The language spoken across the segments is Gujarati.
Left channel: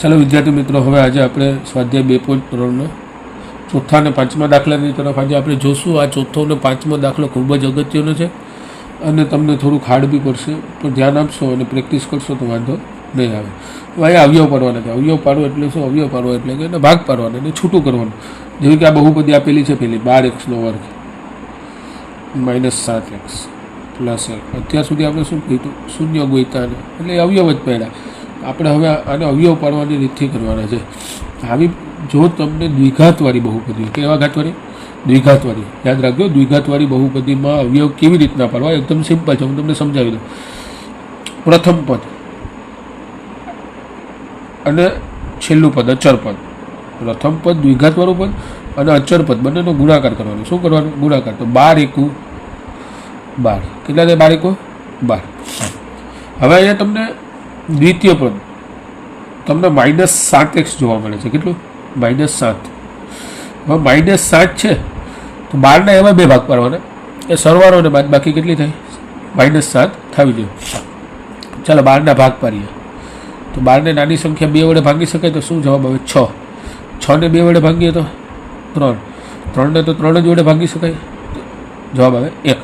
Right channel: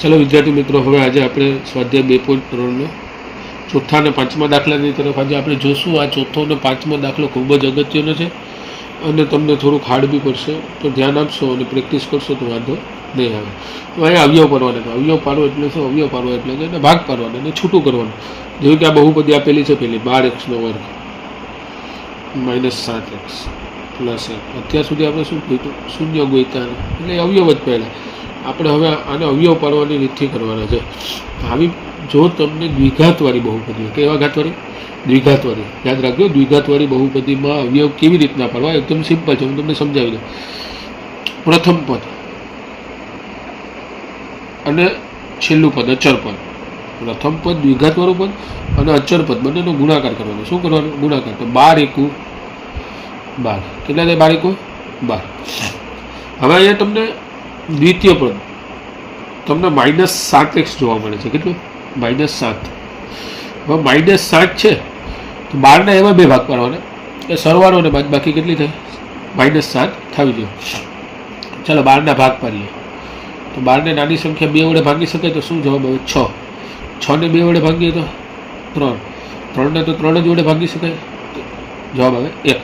ચાલો વિદ્યાર્થી મિત્રો, હવે આજે આપણે સ્વાધ્યાય 2.3નો ચોથા અને પાંચમા દાખલાની તરફ આજે આપણે જોશું. આ ચોથો અને પાંચમો દાખલો ખૂબ જ અગત્યનો છે અને તમને થોડુંક હાર્ડ બી પડશે, પણ ધ્યાન આપશો અને પ્રેક્ટિસ કરશો તો વાંધો નહીં આવે. હવે અવયવ પાડવાના છે. અવયવ પાડવો એટલે શું? અવયવ પાડવો એટલે કે એને ભાગ પાડવાનો, એને છૂટું કરવાનું. જેવી કે આ બહુપદી આપેલી છે, પેલી 12x² -7x + 1. અત્યાર સુધી આપણે શું કહીતું? શૂન્ય ગોઈતા, એટલે અવયવ જ પહેલાં. આપણે હવે આને અવયવ પાડવાની રીતથી કરવાના છે. આવી જો તમને દ્વિઘાતવાળી બહુપદી, કેવા ઘાતવાળી? દ્વિઘાતવાળી. યાદ રાખજો, દ્વિઘાતવાળી બહુપદીમાં અવયવ કેવી રીતના પાડવા, એકદમ સિમ્પલ છે. હું તમને સમજાવી દઉં. પ્રથમ પદ અને છેલ્લું પદ, અચર પદ. પ્રથમ પદ દ્વિઘાતવાળું પદ અને અચર પદ બંનેનો ગુણાકાર કરવાનો. શું કરવાનું? ગુણાકાર. તો 12 એકુ 12. કેટલા થાય? 12 એકુ 12. હવે અહીંયા તમને દ્વિતીય પદ તમને -7x જોવા મળે છે. કેટલું? -7. હવે -7 છે તો 12ના એવા બે ભાગ પાડવાના, એ સરવાળો અને બાદબાકી કેટલી થાય? -7 થવી જોઈએ. ચાલો 12ના ભાગ પાડીએ. તો 12ને નાની સંખ્યા 2 વડે ભાગી શકાય તો શું જવાબ આવે? 6. 6ને 2 વડે ભાગીએ તો 3. 3ને તો 3 જ વડે ભાગી શકાય, જવાબ આવે 1.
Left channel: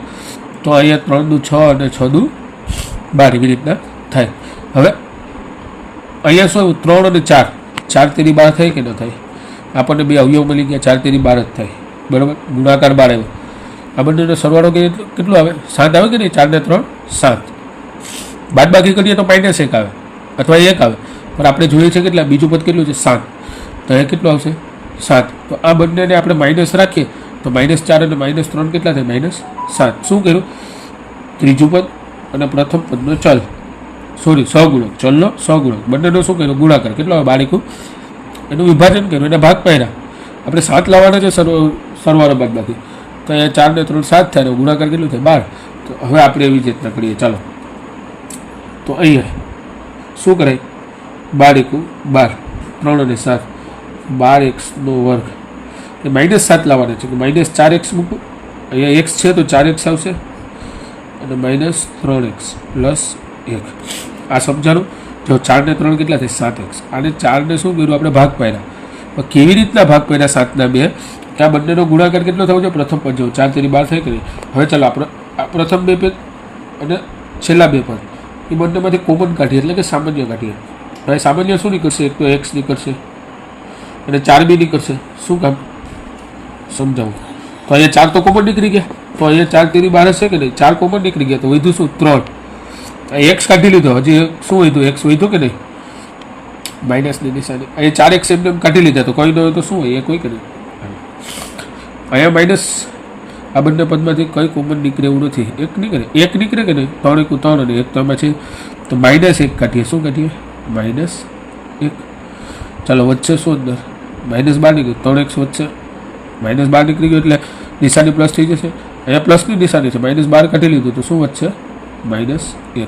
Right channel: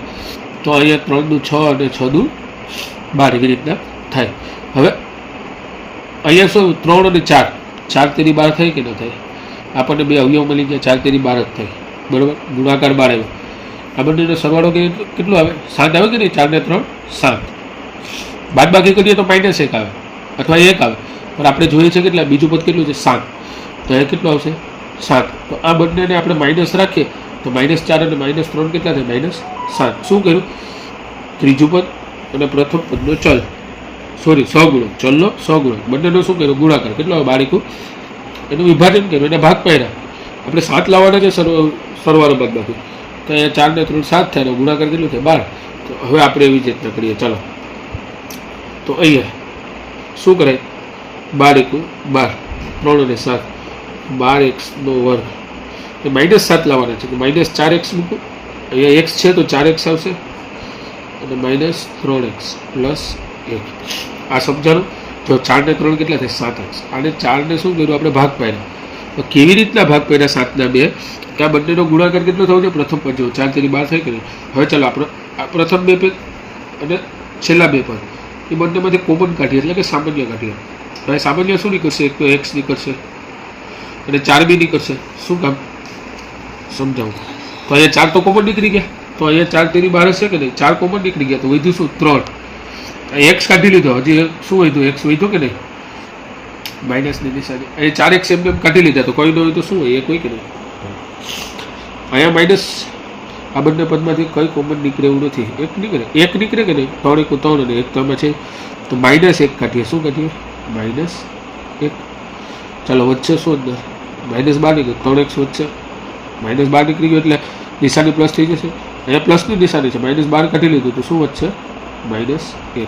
તો અહીંયા 3 દુ 6 અને 6 દુ 12 એવી રીતના થાય. હવે અહીંયા શું? 3 અને 4. 4 તેરી 12 થાય કે ન થાય? આપણને બે અવયવ મળી ગયા. 4 તેરી 12 જ થાય, બરાબર. ગુણાકાર 12 આવ્યો. આ બંનેનો સરવાળો કેટલું આવે? 7 આવે કે નહીં? 4 ને 3 7. બાદબાકી કરીએ તો -1 આવે અથવા 1 આવે, પણ આપણે જોઈએ છે કેટલા? બીજું પદ કેટલું છે? 7. તો એ કેટલું આવશે? 7. તો આ બંનેને આપણે માઇનસ રાખીએ તો -4 અને -3 કેટલા થાય? -7. શું કર્યું? ત્રીજું પદ અને પ્રથમ પદનો ચલ, સોરી સહગુણક, ચલનો સહગુણક, બંનેનો શું કર્યો? ગુણાકાર. કેટલો આવે? 12 એકુ. એનું વિભાજન કર્યું, એને ભાગ પાડ્યા. આપણે 7 લાવવાના છે સરવાળો બાદબાકી. તો અહીંયા 4 ને 3 7 થાય, ગુણાકાર કેટલું થાય? 12. તો હવે આપણે એવી જ રીતના કરીએ. ચાલો, તો અહીંયા શું કરાય? 12 એકુ 12, 3 અને 7, 12x². એ -7 લાવવાના છે તો -4x મૂકો. અહીંયા x છે તો 4x આવશે અને -3x + 1. આ સમજાણું? જો 4 ને 3 કેટલા થાય? 7x. અને 4ને શું કર્યું? આપણે ભાગ પાડ્યા. તો કેવી રીતના ભાગ પાડ્યા? 7ના 2, કે આ બંનેનો ગુણાકાર કેટલો થવો છે? પ્રથમ પદ જેવો. 4 તેરી 12 થઈ ગઈ. હવે ચાલો આપણે પ્રથમ બે પદ અને છેલ્લા બે પદ એ બંનેમાંથી કોમન કાઢીએ, એટલે કે સામાન્ય કાઢીએ. હવે સામાન્ય શું નીકળશે? એક તો x નીકળશે અને 4 બી નીકળશે. શું કામ સમજાવું? તો અહીંયા 4 તો કોમન નીકળી ગયા. તો અહીંયા 4 તેરી 12 છે કે નહીં? 4 કોમન નીકળી ગયા. તો વધ્યું શું? 3. x કાઢી લીધો. હજી શું વધ્યું? x વધ્યો કે નહીં? માઇનસની નિશાની. અહીંયા 4x એમને કાઢી લીધા. તો કોઈ ન હોય તો શું હોય? 1 હોય કે નહીં? અહીંયા માઇનસ. આ બંને પદમાંથી કંઈ કોમન નીકળે એવું નથી. 1 નીકળે. 1 નીકળે કે નહીં? 3 એકુ 3 અને 1 તો આમાં છે. તો -1 કાઢીએ. શું કાઢીએ? -1. ચાલો, વચ્ચે શું અંદર? -12 નીકળે. 3x વચ્ચે -12 નીકળી ગયું એટલે નિશાની પ્લસ થઈ જશે. અહીંયા પ્લસની નિશાની છે. -12 કાઢી લીધું તો શું વધશે? -1.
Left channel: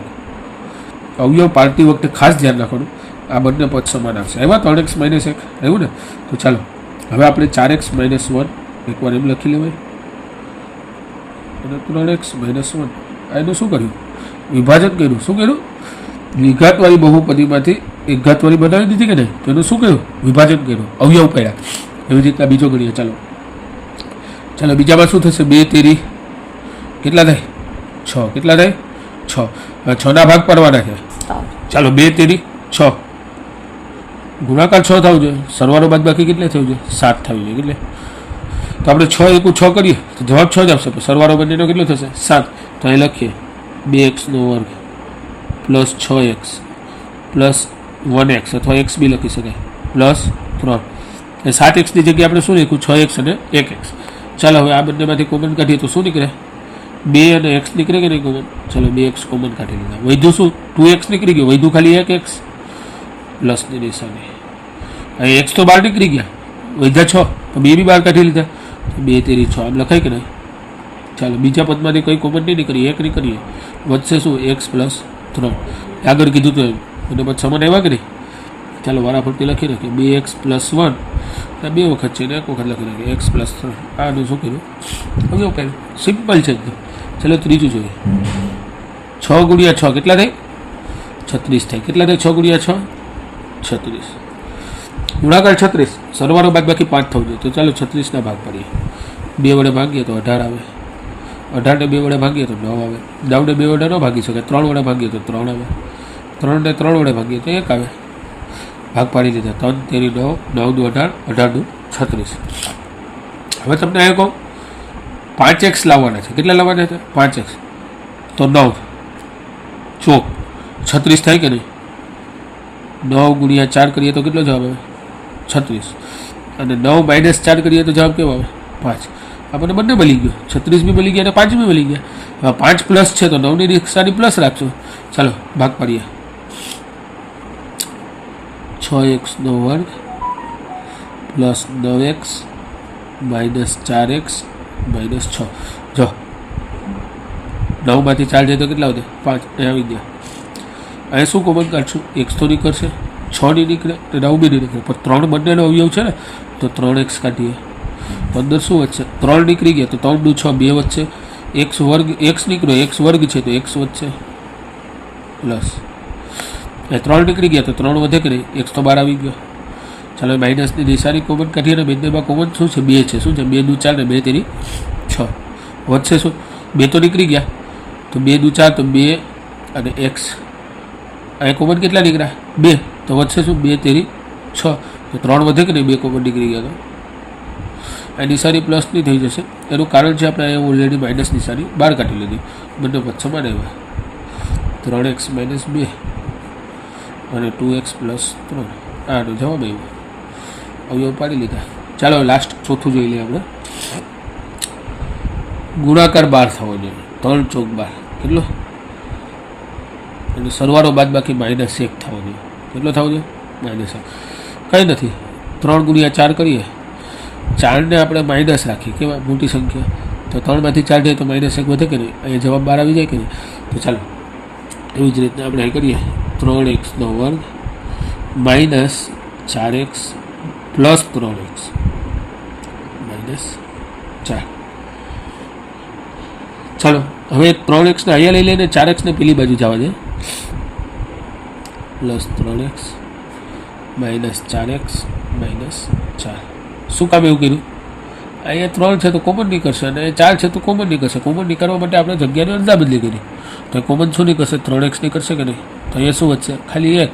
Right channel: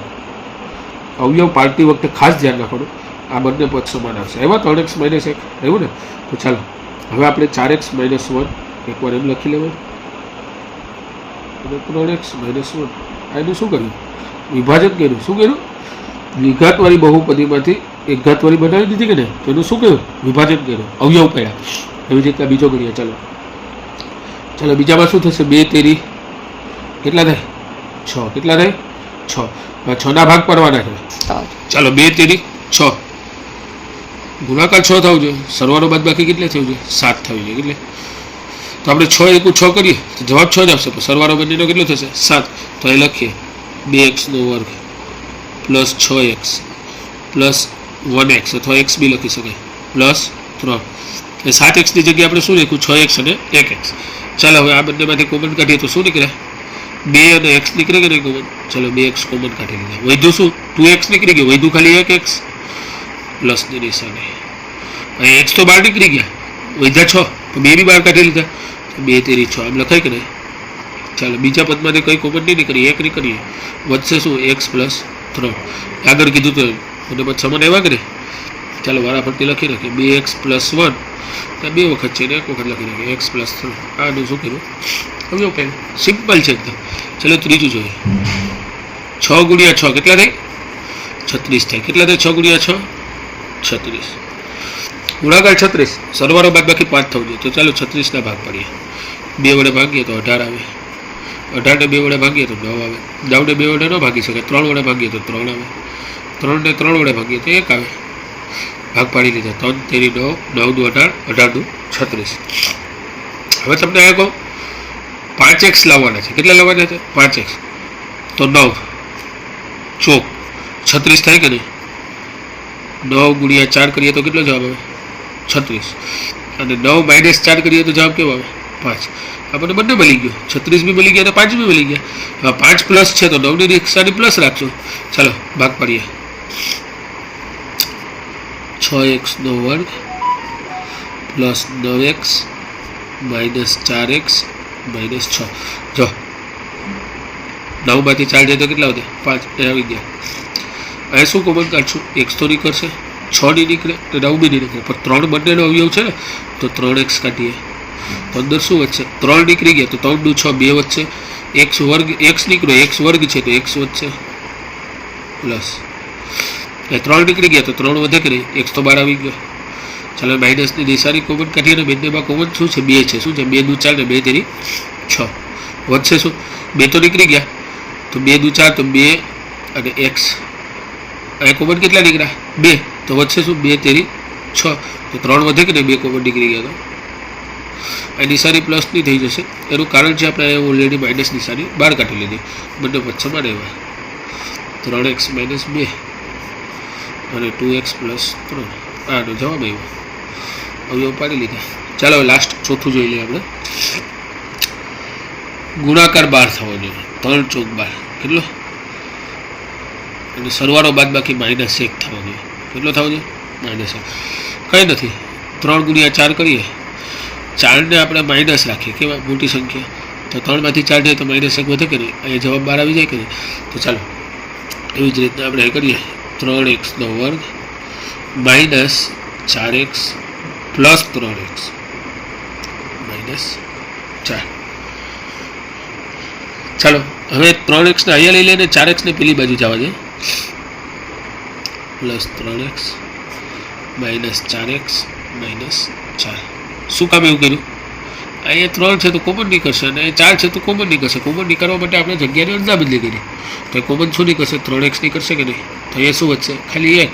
અવયવ પાડતી વખતે ખાસ ધ્યાન રાખવાનું, આ બંને પદ સમાન આવશે. એવા 3x - 1 એવું ને? તો ચાલો હવે આપણે 4x - 1 એકવાર એમ લખી લેવાય અને 3x - 1. એનું શું કર્યું? વિભાજન કર્યું. શું કર્યું? દ્વિઘાતવાળી બહુપદીમાંથી એક ઘાતવાળી બનાવી દીધી કે નહીં? તો એનું શું કર્યું? વિભાજન કર્યું, અવયવ પાડ્યા. એવી રીતના બીજો ગણીએ. ચાલો ચાલો બીજામાં શું થશે? 2 તેરી કેટલા થાય? 6. કેટલા થાય? 6. 6ના ભાગ પાડવાના છે. ચાલો 2 તેરી 6, ગુણાકાર 6 થવું જોઈએ. સરવાળો બાદબાકી કેટલે થવું જોઈએ? 7 થવી જોઈએ. એટલે તો આપણે 6 એકુ 6 કરીએ તો જવાબ 6 જ આવશે. તો સરવાળો બંનેનો કેટલો થશે? 7. તો એ લખીએ 2x² + 6x + 1x, અથવા x બી લખી શકાય, +3. એ 7xની જગ્યાએ આપણે શું લખ્યું? 6x અને 1x. ચાલો હવે આ બંનેમાંથી કોમન કાઢીએ તો શું નીકળે? 2 અને x નીકળે કે નહીં કોમન? ચાલો 2x કોમન કાઢી લીધા. વધ્યું શું? 2x નીકળી ગયો. વધ્યું ખાલી 1x પ્લસની નિશાની. અહીં x તો 12 નીકળી ગયા, વધ્યા 6. તો 2 બી 12 કાઢી લીધા. 2 તેરી 6 આમ લખાય કે નહીં? ચાલો બીજા પદમાંથી કંઈ કોમન નહીં નીકળીએ, 1 નીકળીએ. વધશે શું? x + 3. આગળ કીધું તો અને પછી સમાન આવ્યા કે નહીં? ચાલો વારાફરતી લખી નાખીએ. 2x + 1 બે વખત છે ને એક વખત લખી નાખીએ. x + 3. આનું શું કર્યું? અવયવ પાડ્યું. સિમ્પલ છે એકદમ. ચાલો ત્રીજું જોઈએ. 6 × 6 કેટલા થાય? 36 થાય. કેટલા થાય? 6 × 6 36. ગુણાકાર 36, સરવાળો બાદ બાકી 5 થવું જોઈએ. તો ચાલો 36 ભાગ પાડીએ. 2 વડે ભાગીએ તો 18 આવે. 18 ને 2 વડે ભાગીએ તો 9 આવે. 9 ને 2 વડે ન ભાગી શકે. 3 વડે ભાગીએ તો 3 આવે. 3 ને 3 વડે ભાગીએ તો 1 આવે. ભાગ પાડી લીધા. 3 તેરી 9, 9 દુ 18, 18 દુ 36. હવે તમને આ કહું 5x લાવવાના છે. કેટલા લાવવાના છે? 5x. તો 9 ચોક 36 થાય કે નહીં? 9 ગુણ્યા 4 કરીએ તો કેટલો જવાબ આવે? 36. અને 9 માઇનસ 4 કરીએ તો જવાબ કેવો આવે? 5. આપણને બંને મળી ગયો. 36 બી મળી ગયા અને 5 બી મળી ગયા. હવે 5 પ્લસ છે તો 9 ની નિશાની પ્લસ રાખજો. ચાલો ભાગ પાડીએ. 6x નો વર્ગ plus 9x minus 4x minus 6. જો 9 માંથી 4 જાય તો કેટલા વધે? 5. એ આવી ગયા. અહીંયા શું કોમન કાઢશું? x તો નીકળશે, 6 ની નીકળે તો 9 બી નહીં નીકળે. પણ 3 બંનેનો અવયવ છે ને, તો 3x કાઢીએ તો અંદર શું વધશે? 3 નીકળી ગયા તો 3 દુ 6, 2 વધશે. x વર્ગ, x નીકળ્યો, x વર્ગ છે તો x વધશે પ્લસ એ 3 નીકળી ગયા તો 3 વધે કે નહીં? x તો 12 આવી ગયો. ચાલો માઇનસની નિશાની કોમન કાઢીએ અને બંનેમાં કોમન શું છે? 2 છે. શું છે? 2 દુ 4 ને 2 તેરી 6. વધશે શું? 2 તો નીકળી ગયા તો 2 દુ 4 તો 2 અને x. આ કોમન કેટલા નીકળ્યા? 2. તો વધશે શું? 2 તેરી 6. તો 3 વધે કે નહીં? 2 કોમન નીકળી ગયા તો આ નિશાની પ્લસની થઈ જશે. એનું કારણ છે આપણે ઓલરેડી માઇનસ નિશાની બહાર કાઢી લીધી. બંને વચ્ચે માં આવ્યા. 3x માઇનસ 2 અને 2x પ્લસ 3. આનો જવાબ આવ્યો. અવયવ પાડી લીધા. ચાલો લાસ્ટ ચોથું જોઈ લઈએ આપણે. ગુણાકાર 12 થવો જોઈએ. 3 ચોક 12 કેટલો? અને સરવાળો બાદ બાકી -1 થવો જોઈએ. કેટલો થવો જોઈએ? -1. કંઈ નથી. 3 ગુણ્યા 4 કરીએ. 4 ને આપણે માઇનસ રાખીએ. કેવા? મોટી સંખ્યા. તો 3 માંથી 4 જાય તો -1 વધે કે નહીં? અહીંયા જવાબ 12 આવી જાય કે નહીં? તો ચાલો એવી જ રીતના આપણે કરીએ. 3x નો વર્ગ minus 4x plus 3x minus 4. ચાલો હવે 3x ને અહીંયા લઈ લઈને 4x ને પેલી બાજુ જવા દે. Plus 3x minus 4x minus 4. શું કામ એવું કર્યું? અહીંયા 3 છે તો કોમન નીકળશે અને 4 છે તો કોમન નીકળશે. કોમન નીકળવા માટે આપણે જગ્યાની અદલા બદલી કરી. તો કોમન શું નીકળશે? 3x નીકળશે કે નહીં? તો અહીંયા શું વધશે? ખાલી x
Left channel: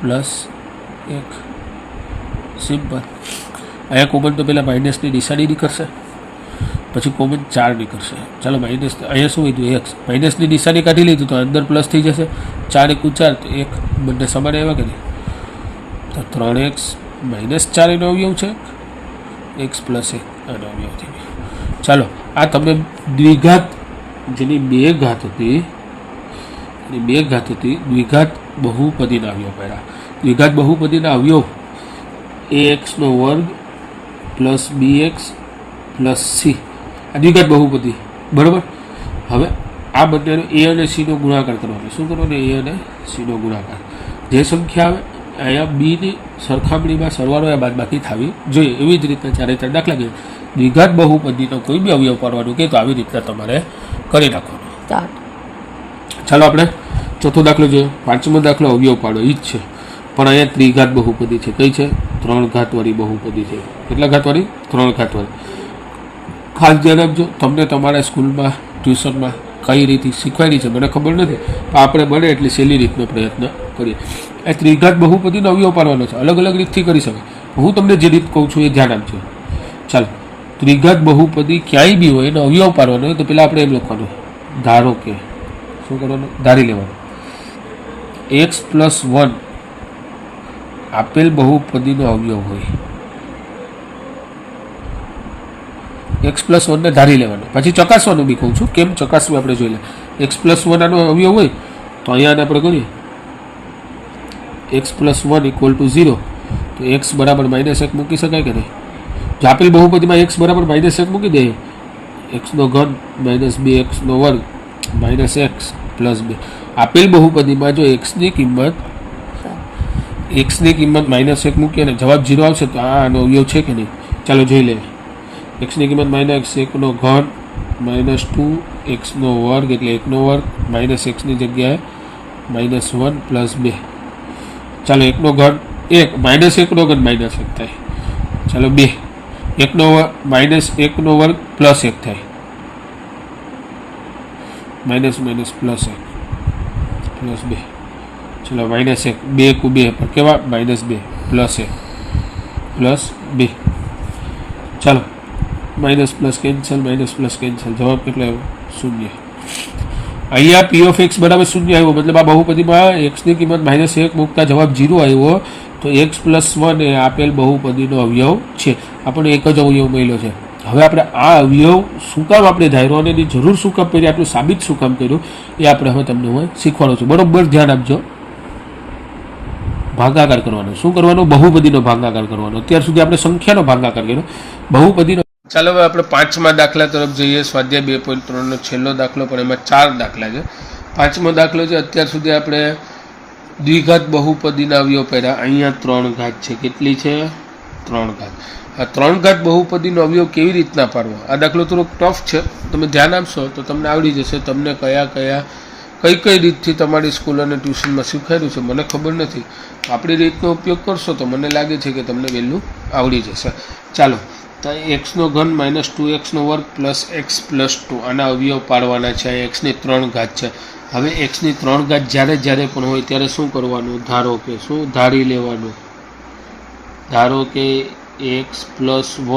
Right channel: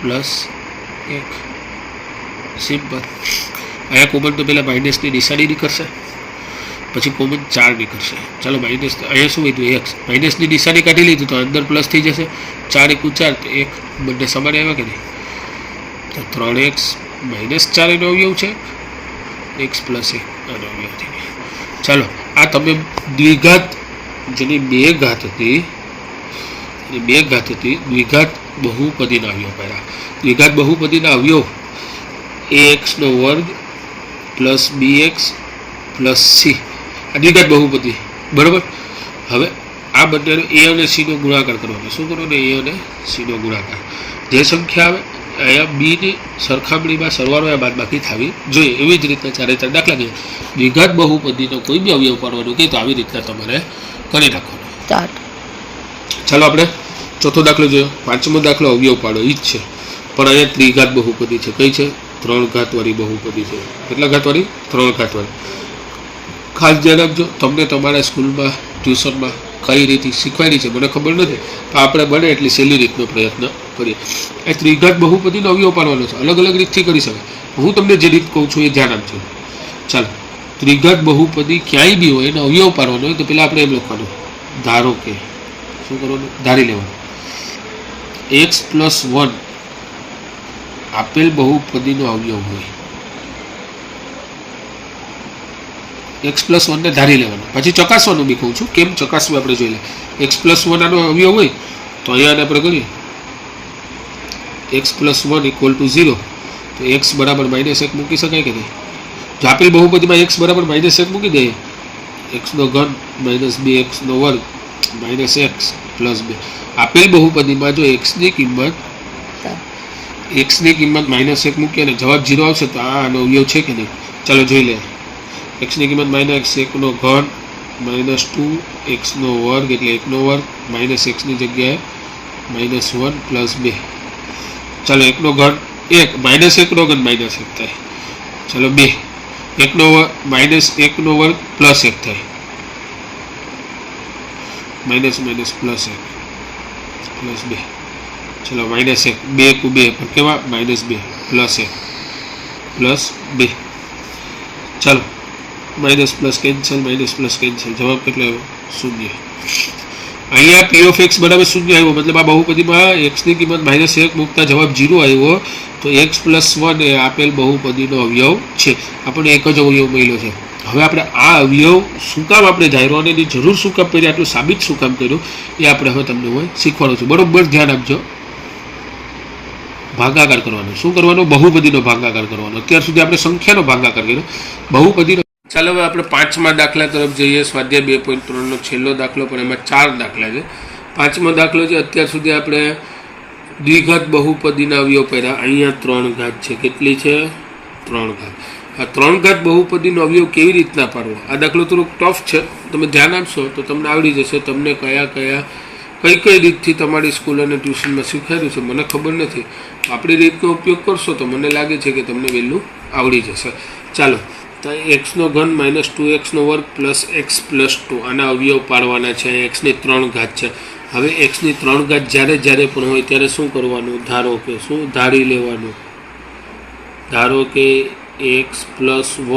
પ્લસ 1. સિમ્પલ. અહીંયા કોમન તો પહેલાં માઇનસની નિશાની નીકળશે, પછી કોમન 4 નીકળશે. ચાલો માઇનસ અહીંયા શું વધ્યું? x. માઇનસની નિશાની કાઢી લીધું તો અંદર પ્લસ થઈ જશે. 4 × 4 તો 1. બંને સમાન આવ્યા કે નહીં? તો 3x માઇનસ 4 એનો અવયવ છે, x પ્લસ 1 એનો અવયવ થઈ ગયો. ચાલો આ તમે દ્વિઘાત જેની 2 ઘાત હતી, દ્વિઘાત બહુપદીના અવયવ કર્યા. દ્વિઘાત બહુપદીના અવયવ ax નો વર્ગ પ્લસ bx પ્લસ c. આ દ્વિઘાત બહુપદી બરાબર. હવે આ બંનેનો a અને c નો ગુણાકાર કરવાનો. શું કરવાનો? a અને c નો ગુણાકાર. જે સંખ્યા આવે અહીંયા b ની સરખામણીમાં સરવાળો या બાદબાકી થવી જોઈએ. એવી જ રીતના 4 દાખલા કે દ્વિઘાત બહુપદીનો કોઈ બી અવયવ પાડવાનો કે તો આવી રીતના તમારે કરી નાખવાનો. ચાલો આપણે ચોથો દાખલો જોયો. પાંચમો દાખલો અવયવ પાડો ઈ જ છે, પણ અહીંયા ત્રિઘાત બહુપદી છે. કઈ છે? 3 ઘાતવાળી બહુપદી છે. કેટલા ઘાતવાળી? 3 ઘાતવાળી. ખાસ ધ્યાન રાખજો. તમને તમારા સ્કૂલમાં ટ્યુશનમાં કઈ રીતે શીખવાડી છે મને ખબર નથી, આપણે બને એટલી સહેલી રીતનો પ્રયત્ન કરીએ. એ ત્રિઘાત બહુપદીનો અવયવ પાડવાનો છે. અલગ અલગ રીતથી કરી શકાય. હું તમને જે રીત કહું છું એ ધ્યાન આપજો. ચાલો ત્રિઘાત બહુપદી ક્યાંય બી હોય એનો અવયવ પાડવાનો હોય તો પહેલાં આપણે એમ લખવાનું, ધારો કે શું કરવાનું? ધારી લેવાનું x પ્લસ 1 આપેલ બહુપદીનો અવયવ હોય. x પ્લસ 1 ને ધારી લેવાનો. પછી ચકાસવાનું બી કહું છું. કેમ ચકાસવું આપણે જોઈ લે. x પ્લસ 1 આનો અવયવ હોય તો અહીંયા આપણે કરીએ x પ્લસ 1 ઇક્વલ ટુ 0. તો x બરાબર -1 મૂકી શકાય કે નહીં? જો આપેલ બહુપદીમાં x બરાબર -1 મૂકી દઈએ. x નો ઘન માઇનસ 2x નો વર્ગ માઇનસ x પ્લસ 2. આપેલ બહુપદીમાં જો x ની કિંમત -1 મૂકીએ અને જવાબ 0 આવશે તો આનો અવયવ છે કે નહીં? ચાલો જોઈ લઈએ. x ની કિંમત -1 નો ઘન -2 x નો વર્ગ એટલે 1 નો વર્ગ માઇનસ x ની જગ્યાએ -1 પ્લસ 2. ચાલો 1 નો ઘન એક માઇનસ એકનો ઘન માઇનસ એક થાય. ચાલો 2 એકનો માઇનસ એકનો વર્ગ પ્લસ એક થાય. માઇનસ માઇનસ પ્લસ એક પ્લસ 2. ચલો માઇનસ એક 2 × 2 પણ કેવા -2 પ્લસ 1 પ્લસ 2. ચાલો minus plus cancel, minus plus cancel. જવાબ કેટલો આવ્યો? 0. અહીંયા પી ઓફ એક્સ બરાબર 0 આવ્યો, મતલબ આ બહુપદીમાં એક્સની કિંમત -1 મૂકતા જવાબ 0 આવ્યો. તો x + 1 એ આપેલ બહુપદીનો અવયવ છે. આપણને એક જ અવયવ મળ્યો છે. હવે આપણે આ અવયવ શું કામ આપણે ધાર્યો અને એની જરૂર શું કામ પડી, આટલું સાબિત શું કામ કર્યું, એ આપણે હવે તમને હું શીખવાડું છું. બરોબર ધ્યાન આપજો. ભાગાકાર કરવાનો. શું કરવાનો? બહુપદીનો ભાગાકાર કરવાનો. અત્યાર સુધી આપણે સંખ્યાનો ભાગાકાર કર્યો, બહુપદીનો. ચાલો હવે આપણે 5મા દાખલા તરફ જઈએ. સ્વાધ્યાય 2.3નો છેલ્લો દાખલો, પણ એમાં 4 દાખલા છે. 5મો દાખલો છે. અત્યાર સુધી આપણે દ્વિઘાત બહુપદીના અવયવ પહેલા. અહીંયા 3 ઘાત છે. કેટલી છે? 3 ઘાત. આ 3 ઘાત બહુપદીનો અવયવ કેવી રીતના પાડવો? આ દાખલો થોડોક ટફ છે. તમે ધ્યાન આપશો તો તમને આવડી જશે. તમને કઈ રીતથી તમારી સ્કૂલ અને ટ્યુશનમાં શીખવાડ્યું છે મને ખબર નથી. આપણી રીતનો ઉપયોગ કરશો તો મને લાગે છે કે તમને વહેલું આવડી જશે. ચાલો, તો એક્સનો ઘન -2x² + x + 2 આના અવયવ પાડવાના છે. એક્સની 3 ઘાત છે. હવે એક્સની 3 ઘાત જ્યારે પણ હોય ત્યારે શું કરવાનું? ધારો કે શું ધારી લેવાનું? ધારો કે x +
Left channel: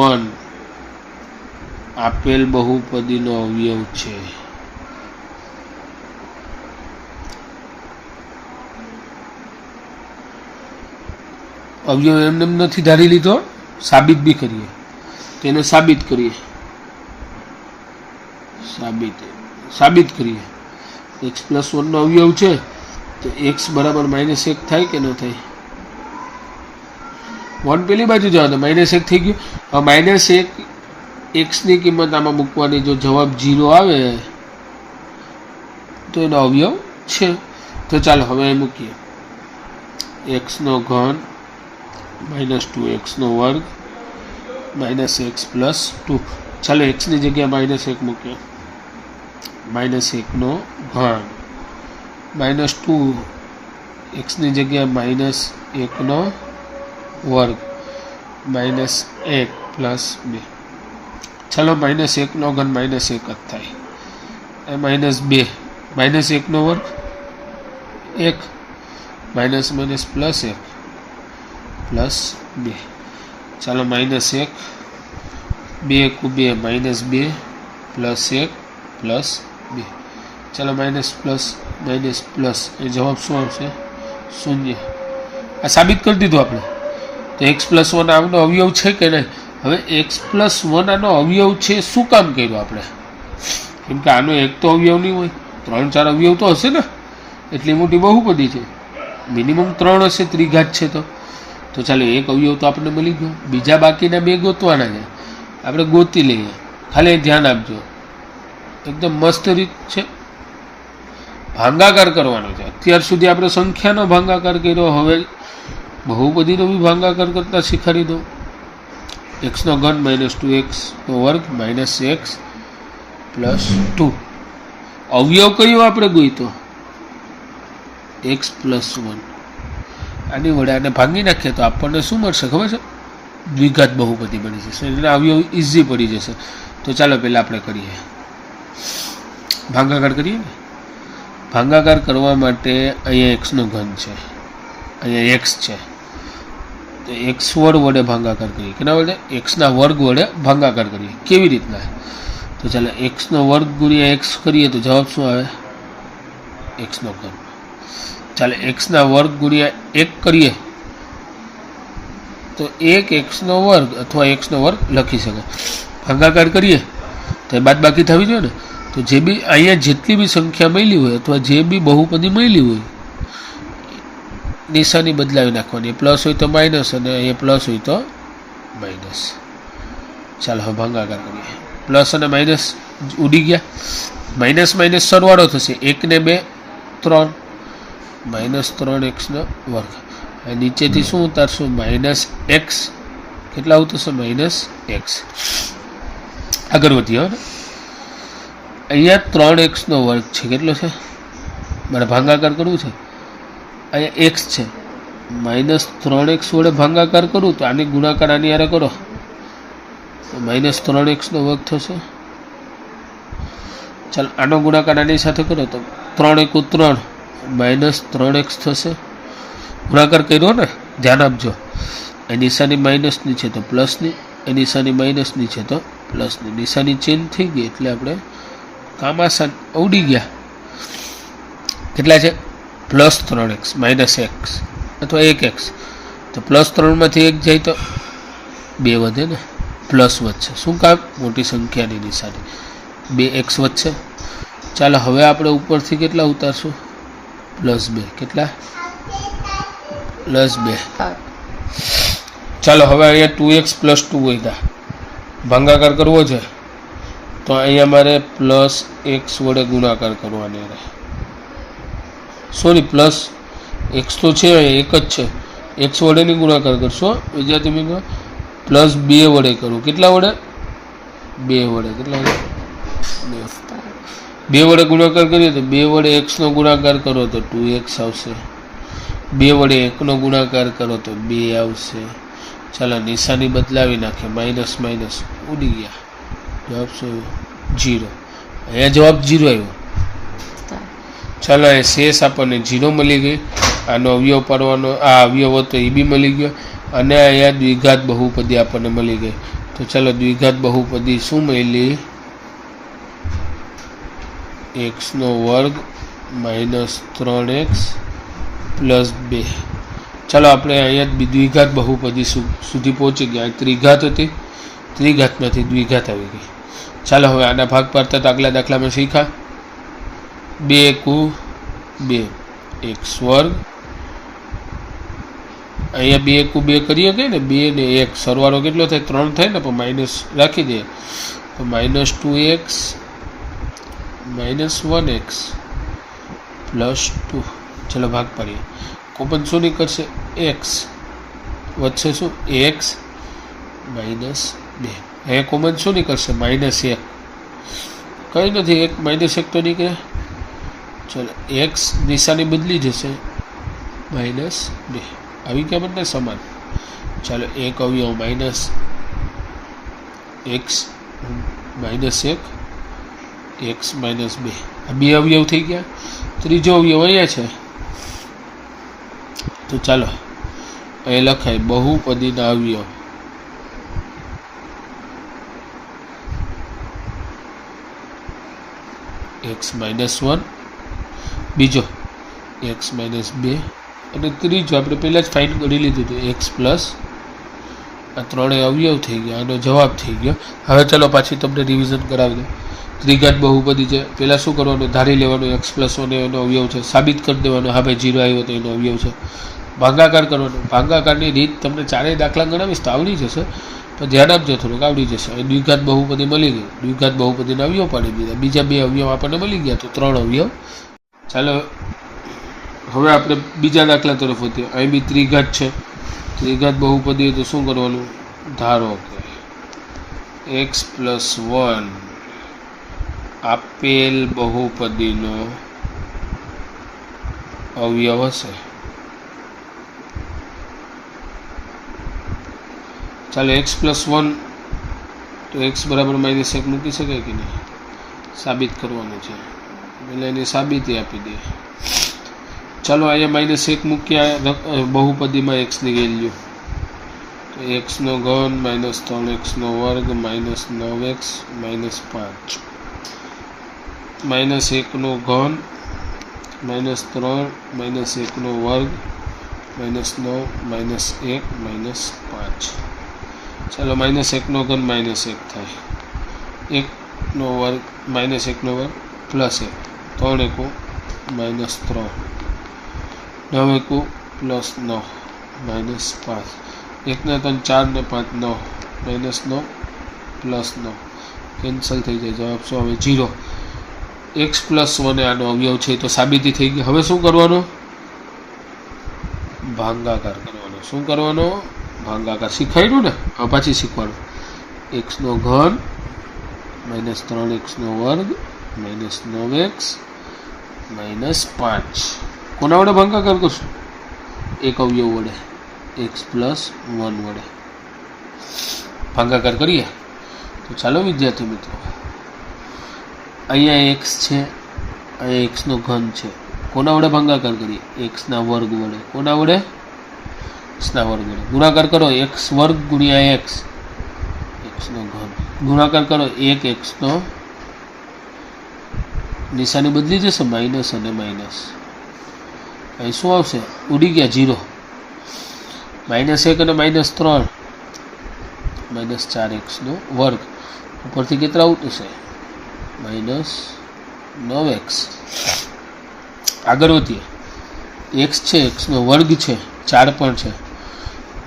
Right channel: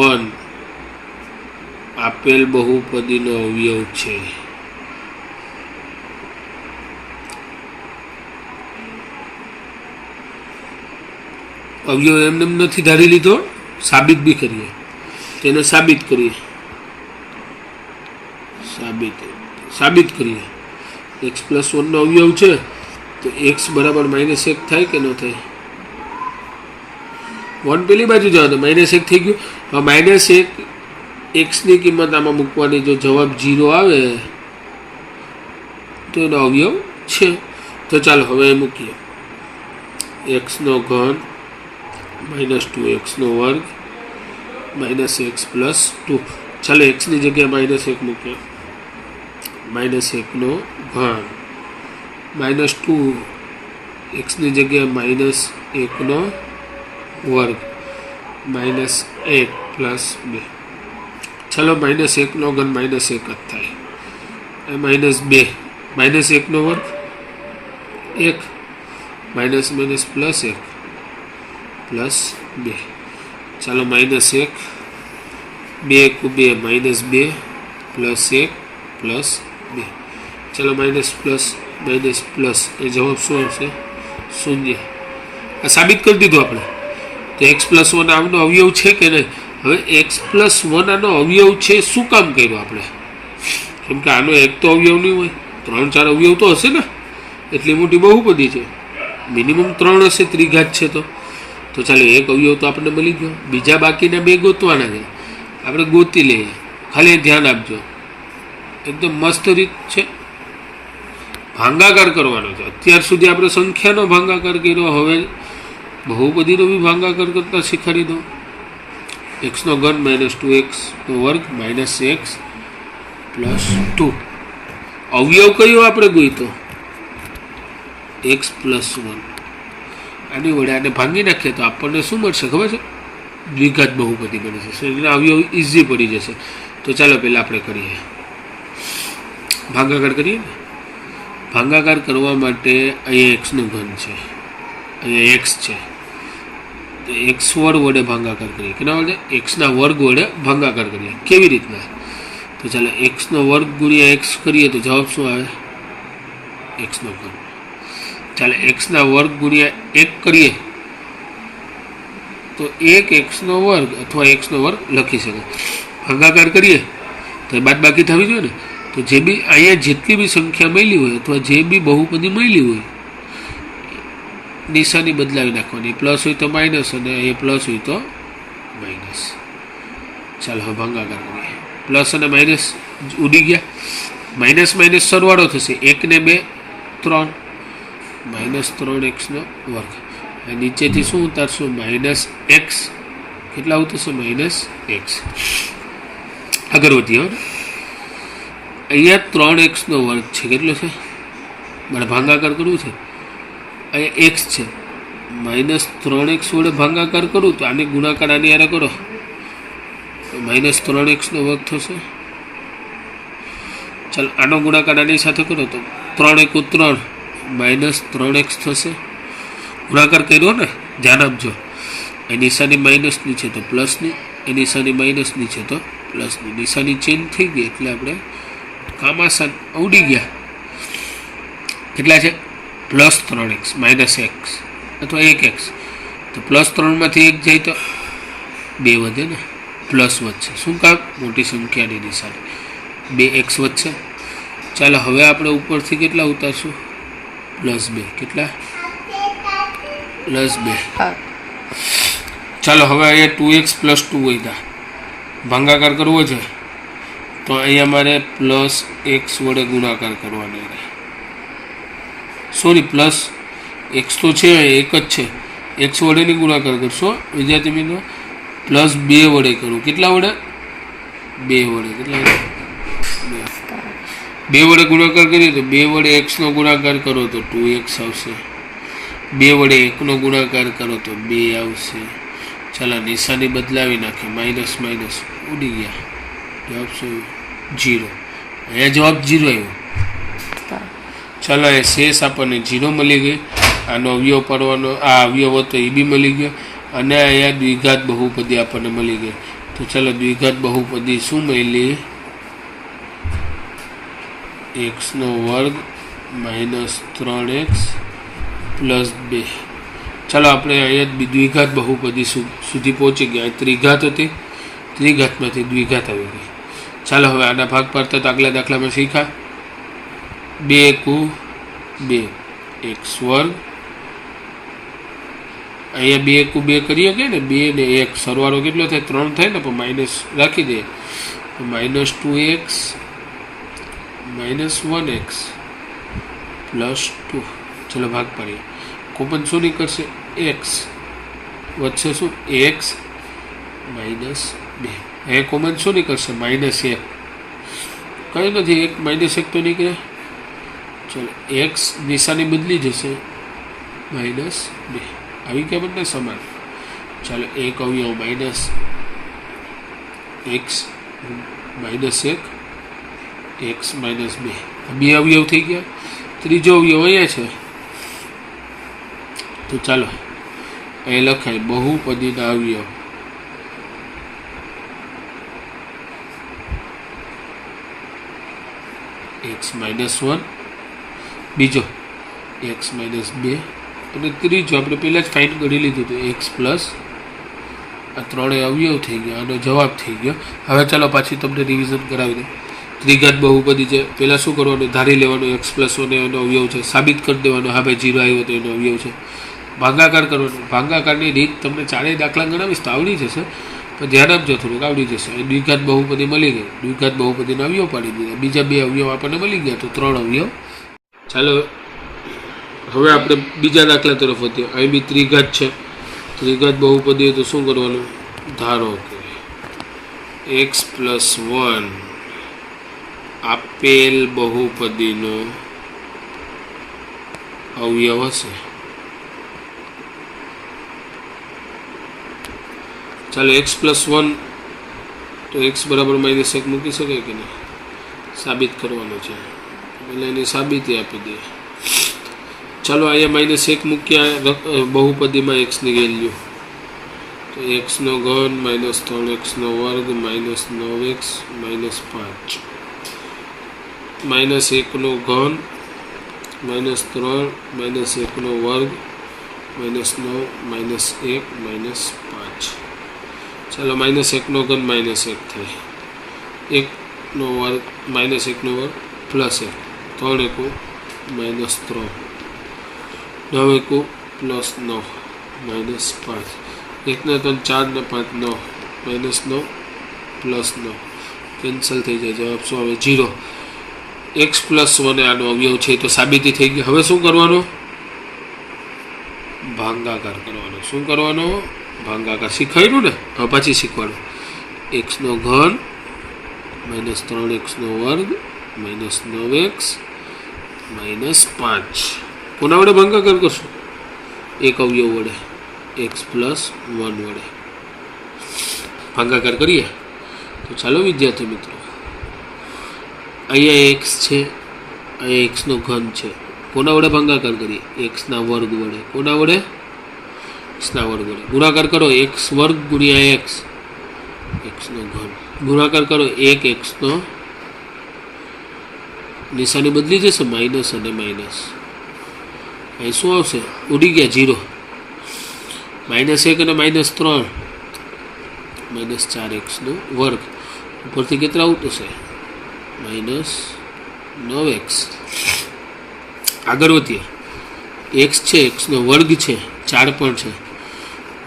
1 આપેલ બહુપદીનો અવયવ છે. અવયવ એમને નથી ધારી લીધો, સાબિત બી કરીએ. તેને સાબિત કરીએ. સાબિત કરીએ. x + 1 નો અવયવ છે તો x બરાબર -1 થાય કે ન થાય? 1 પેલી બાજુ જવા દો, -1 થઈ ગયું. હવે -1 એક્સની કિંમત આમાં મૂકવાની. જો જવાબ 0 આવે તો એનો અવયવ છે. તો ચાલો હવે મૂકીએ. એક્સનો ઘન -2x² -x + 2. ચાલો એક્સની જગ્યાએ -1 મૂકીએ. -1 નો ઘન -2 એક્સની જગ્યાએ -1 નો વર્ગ -1 + 2. ચાલો -1 નો ઘન -1 જ થાય. એ -2 -1 નો વર્ગ 1 --- +1 + 2. ચાલો -1 2 × 2 -2 +1 + 2. ચાલો માઇનસ પ્લસ એ જવાબ શું આવશે? 0. આ સાબિત કરી દીધું આપણે. તો x + 1 આનો અવયવ છે કે નહીં? હવે x + 1 આનો અવયવ છે શું કામ કર્યું આપણે? કેમ કે આનો એક તો અવયવ નહીં હોય, 3-4 અવયવ તો હશે ને. એટલી મોટી બહુપદી છે, મિનિમમ 3 હશે. ત્રિઘાત છે તો ચાલો એક અવયવ તો આપણને મળી ગયો. બીજા બાકીના 2 ગોતવાના છે, આપણે ગોતી લઈએ. ખાલી ધ્યાન આપજો, એકદમ મસ્ત રીત છે. ભાંગાકાર કરવાનો છે. અત્યાર સુધી આપણે સંખ્યાનો ભાંગાકાર કર્યો, હવે બહુપદીનો બી ભાંગાકાર કરતા શીખવાડી દો. એક્સનો ઘન -2x² -x + 2. અવયવ કયો આપણે ગોઈતો? x + 1. આની વડે આને ભાંગી નાખીએ તો આપણને શું મળશે ખબર છે? દ્વિઘાત બહુપદી બની જશે. એના અવયવ ઇઝી પડી જશે. તો ચાલો પહેલાં આપણે કરીએ, ભાંગાકાર કરીએ ને. ભાંગાકાર કરવા માટે અહીંયા એક્સનું ઘન છે, અહીંયા એક્સ છે, તો x² વડે ભાંગાકાર કરીએ. કેના વડે? એક્સના વર્ગ વડે ભાંગાકાર કરીએ. કેવી રીતના? તો ચાલો x² × x કરીએ તો જવાબ શું આવે? એક્સનો ઘન. ચાલો x² × 1 કરીએ તો 1 x² અથવા x² લખી શકો. ભાગાકાર કરીએ તો બાદબાકી થવી જોઈએ ને. તો જે બી અહીંયા જેટલી બી સંખ્યા મળી હોય અથવા જે બી બહુપદી મળી હોય, નિશાની બદલાવી નાખવાની. પ્લસ હોય તો માઇનસ અને અહીંયા પ્લસ હોય તો માઇનસ. ચાલો હવે ભાગાકાર કરીએ. પ્લસ અને માઇનસ ઉડી ગયા. માઇનસ સરવાળો થશે. 1 ને 2 3 -3x². નીચેથી શું ઉતારશું? -x. કેટલા ઉતરશે? -x. આગળ વધીએ ને. અહીંયા 3x² છે. કેટલો છે? મારે ભાગાકાર કરવું છે. અહીંયા x છે, -3x વડે ભાગાકાર કરું તો આની ગુણાકાર આની હારે કરો તો -3x નો વર્ગ થશે. ચાલ આનો ગુણાકાર આની સાથે કરો તો 3 × 3 -3x થશે. ગુણાકાર કર્યો ને, ધ્યાન આપજો. એ નિશાની માઇનસની છે તો પ્લસની, એ નિશાની માઇનસની છે તો પ્લસની. નિશાની ચેન્જ થઈ ગઈ એટલે આપણે કામ આસાન ઉડી ગયા. કેટલા છે? +3x -x અથવા 1x. તો +3 માંથી 1 જાય તો 2 વધે ને, પ્લસ વધશે. શું કામ? મોટી સંખ્યાની નિશાની, 2x વધશે. ચાલો હવે આપણે ઉપરથી કેટલા ઉતારશું? +2. કેટલા? +2. ચાલો હવે અહીંયા 2x + 2 વધ્યા. ભાગાકાર કરવો છે તો અહીંયા મારે +x વડે ગુણાકાર કરવાનો રહે. સોરી, +x તો છે, એક જ છે. x વડે નહીં ગુણાકાર કરશો વિદ્યાર્થી મિત્રો, +2 વડે કરું. કેટલા વડે? 2 વડે. કેટલા વડે? 2 વડે ગુણાકાર કરીએ તો 2 વડે x નો ગુણાકાર કરો તો 2x આવશે. 2 વડે 1 નો ગુણાકાર કરો તો 2 આવશે. ચાલો નિશાની બદલાવી નાખે, માઇનસ માઇનસ ઉડી ગયા. જવાબ શું? 0. અહીંયા જવાબ 0 આવ્યો. ચાલો એ શેષ આપણને 0 મળી ગઈ. આનો અવયવ પાડવાનો, આ અવયવ હતો એ બી મળી ગયો. અને અહીંયા દ્વિઘાત બહુપદી આપણને મળી ગઈ. તો ચાલો દ્વિઘાત બહુપદી શું મળી? x² -3x + 2. ચાલો આપણે અહીંયા દ્વિઘાત બહુપદી સુધી પહોંચી ગયા. ત્રિઘાત હતી, ત્રિઘાતમાંથી દ્વિઘાત આવી ગઈ. ચાલો હવે આના ભાગ પાડતા તો આગલા દાખલામાં શીખ્યા. 2 × 2 x². અહીંયા 2 × 2 કરીએ કે ને, 2 ને 1 સરવાળો કેટલો થાય? 3 થાય ને, પણ માઇનસ રાખી દઈએ તો -2x -1x + 2. ચાલો ભાગ પાડીએ. કોમન શું નીકળશે? x વચ્ચે શું? x -2. એ કોમન શું નીકળશે? -1. કંઈ નથી, 1 -1 તો નીકળે. ચાલો x નિશાની બદલી જશે, -2 આવી ગયા બંને સમાન. ચાલો એક અવયવ -x -1 x -2 બે અવયવ થઈ ગયા. ત્રીજો અવયવ અહીંયા છે તો ચાલો અહીં લખાય બહુપદીના અવયવ. x -1, બીજો x -2 અને ત્રીજો આપણે પહેલાં જ ફાઇન કરી લીધું હતું x પ્લસ. આ ત્રણેય અવયવ થઈ ગયા, આનો જવાબ થઈ ગયો. હવે ચાલો પાછી તમને રિવિઝન કરાવી દઉં. ત્રિઘાત બહુપદી છે, પહેલાં શું કરવાનું? ધારી લેવાનું x + 1 એનો અવયવ છે, સાબિત કરી દેવાનો હા ભાઈ 0 આવ્યો તો એનો અવયવ છે. ભાગાકાર કરવાનો. ભાગાકારની રીત તમને ચારેય દાખલા ગણાવીશ તો આવડી જશે, પણ ધ્યાન આપજો, થોડુંક આવડી જશે. દ્વિઘાત બહુપદી મળી ગઈ, દ્વિઘાત બહુપદીના અવયવ પાડી દીધા. બીજા 2 અવયવ આપણને મળી ગયા તો 3 અવયવ. ચાલો હવે આપણે બીજા દાખલા તરફ વધીએ. અહીં બી ત્રિઘાત છે. ત્રિઘાત બહુપદી હોય તો શું કરવાનું? ધારો કે x + 1 આપેલ બહુપદીનો અવયવ હશે. ચાલો x + 1 તો x = -1 મૂકી શકાય કે નહીં? સાબિત કરવાનું છે, એટલે એની સાબિતી આપી દઈએ. ચાલો અહીંયા -1 મૂક્યા બહુપદીમાં xની વેલ્યુ તો x3 -3x² -9x -5 -1 -3 -1² -9 -1 -5. ચાલો -1 -1 થાય. 1² -1² +1 3 × -3 9 × +9 -5 1 ને 3 4 ને 5 9 -9 +9 કેન્સલ થઈ જાય. જવાબ શું આવે? 0. x + 1 આનો અવયવ છે તો સાબિતી થઈ ગઈ. હવે શું કરવાનું? ભાગાકાર કરવાનો. શું કરવાનો? ભાગાકાર. શીખાયું ને? હા પાછી શીખવાનું. x3 -3x² -9x -5 કોના વડે ભાગાકાર કરશું? એક અવયવ વડે x પ્લસ 1 વડે ભાગાકાર કરીએ તો ચાલો વિદ્યાર્થી મિત્રો, અહીંયા x છે, અહીંયા xનો ઘન છે, કોના વડે ભાગાકાર કરીએ? xના વર્ગ વડે. કોના વડે? xના વર્ગ વડે. ગુણાકાર કરો x વર્ગ ગુણ્યા xનો ઘન. ગુણાકાર કરો 1x નો, નિશાની બદલી જશે, માઇનસ અને માઇનસ. અહીં શું આવશે? ઉડી ગયા 0. -1 અને -3 -4x નો વર્ગ ઉપરથી કેટલા ઉતરશે? -9x. આગળ વધીએ. x છે, xનો વર્ગ છે, 4 પણ છે